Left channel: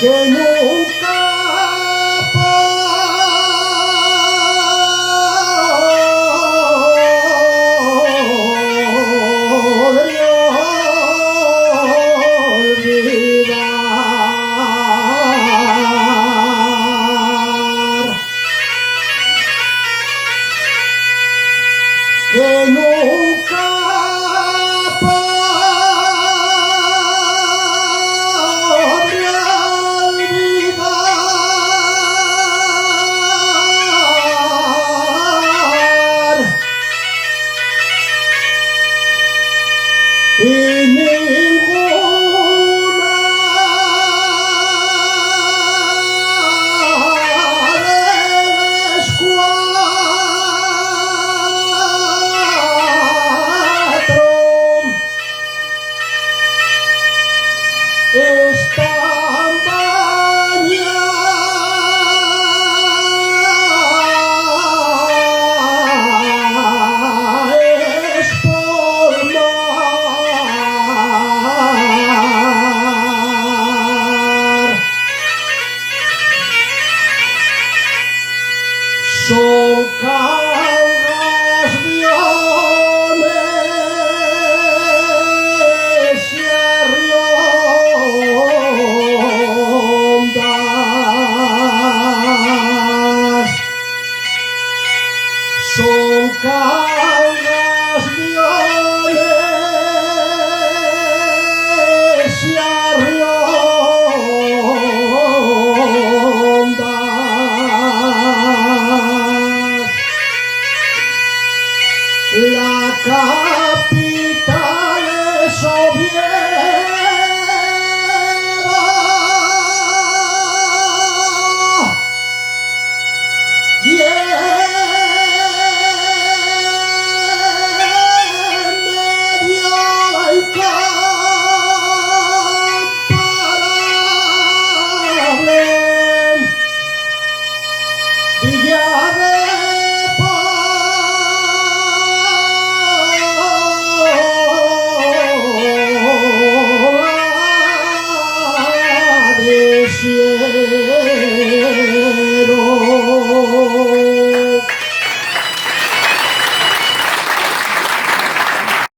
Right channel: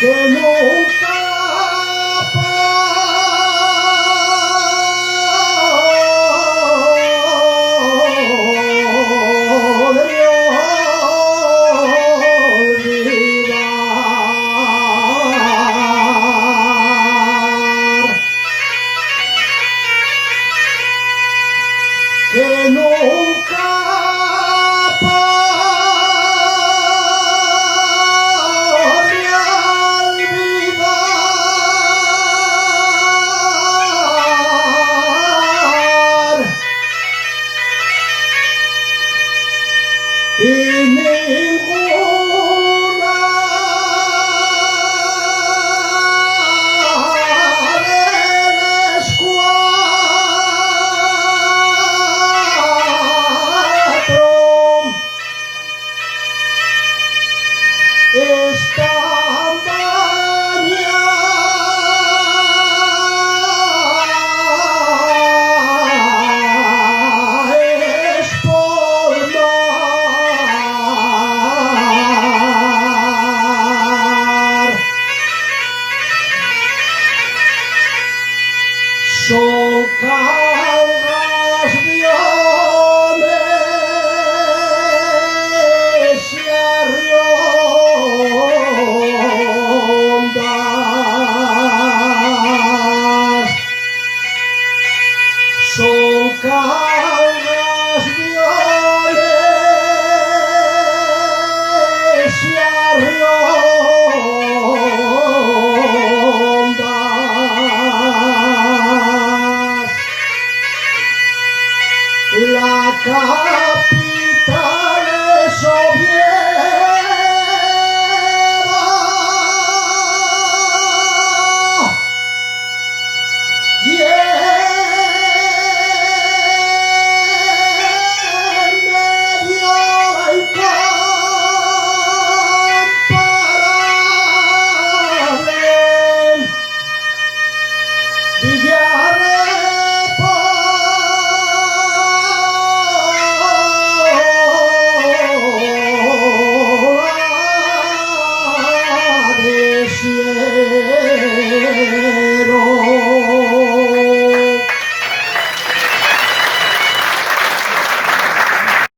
que nunca podré olvidar, que nunca podré olvidar, y ninguna de las cuatro están bañadas por mar. Son cangaciones y arriondas, son cangaciones y arriondas. La capital es Oviedo, y en medio del incomparable Villa de Pola de Siena.